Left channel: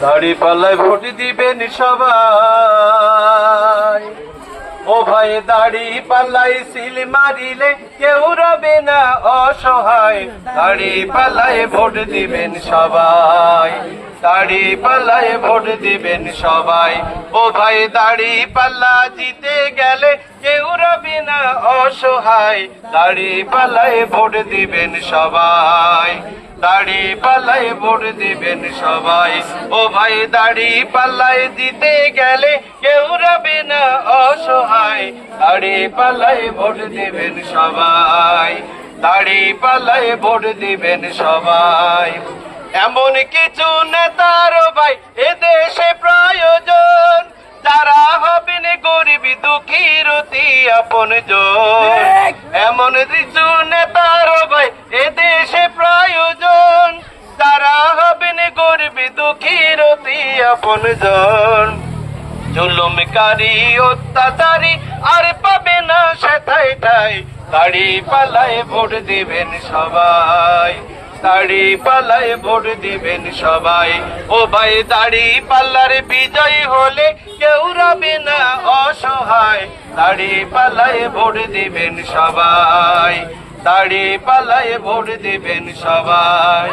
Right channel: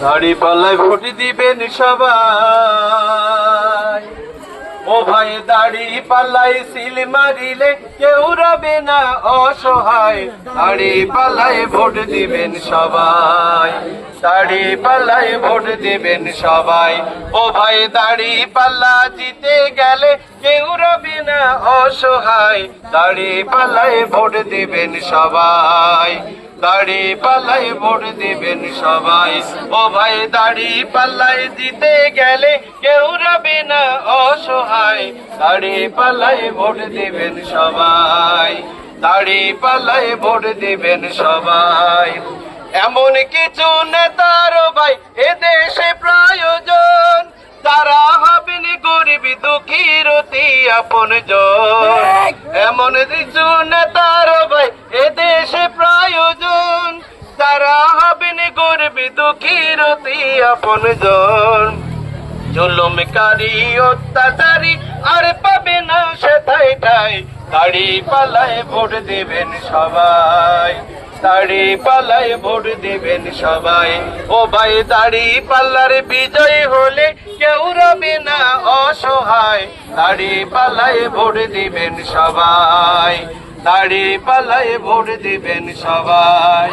দাড়ি পাল্লায় ভোট দিবেন সবাই। ও ভাই দাড়ি পাল্লাই সিল মারিলে কেউ রবে না অসহায়। দাড়ি পাল্লায় ভোট দিবেন সবাই। দাড়ি পাল্লায় ভোট দিবেন সবাই। ও ভাই দাড়ি পাল্লা জিতে গেলে কেউ রবে না অসহায়। দাড়ি পাল্লায় ভোট দিবেন সবাই। দাড়ি পাল্লায় ভোট দিবেন সবাই। ও ভাই দাড়ি পাল্লায় দিতে গেলে কেউ রবে না অসহায়। দাড়ি পাল্লায় ভোট দিবেন সবাই। দাড়ি পাল্লায় ভোট দিবেন সবাই। এমন কিছু নেতার ভাই এ দেশে প্রয়োজন, যারা হবেন গরিব দুঃখীর অতি আপনজন। এমন কিছু নেতার ভাই এ দেশে প্রয়োজন, যারা হবেন গরিব দুঃখীর অতি আপনজন। জুলুমকারী অত্যাচারী আর পাবে না সেথায় ঠাই। দাড়ি পাল্লায় ভোট দিবেন সবাই। দাড়ি পাল্লায় ভোট দিবেন সবাই। ও ভাই দাড়ি পাল্লার বিজয় হলে কেউ রবে না অসহায়। দাড়ি পাল্লায় ভোট দিবেন সবাই। দাড়ি পাল্লায় ভোট দিবেন সবাই।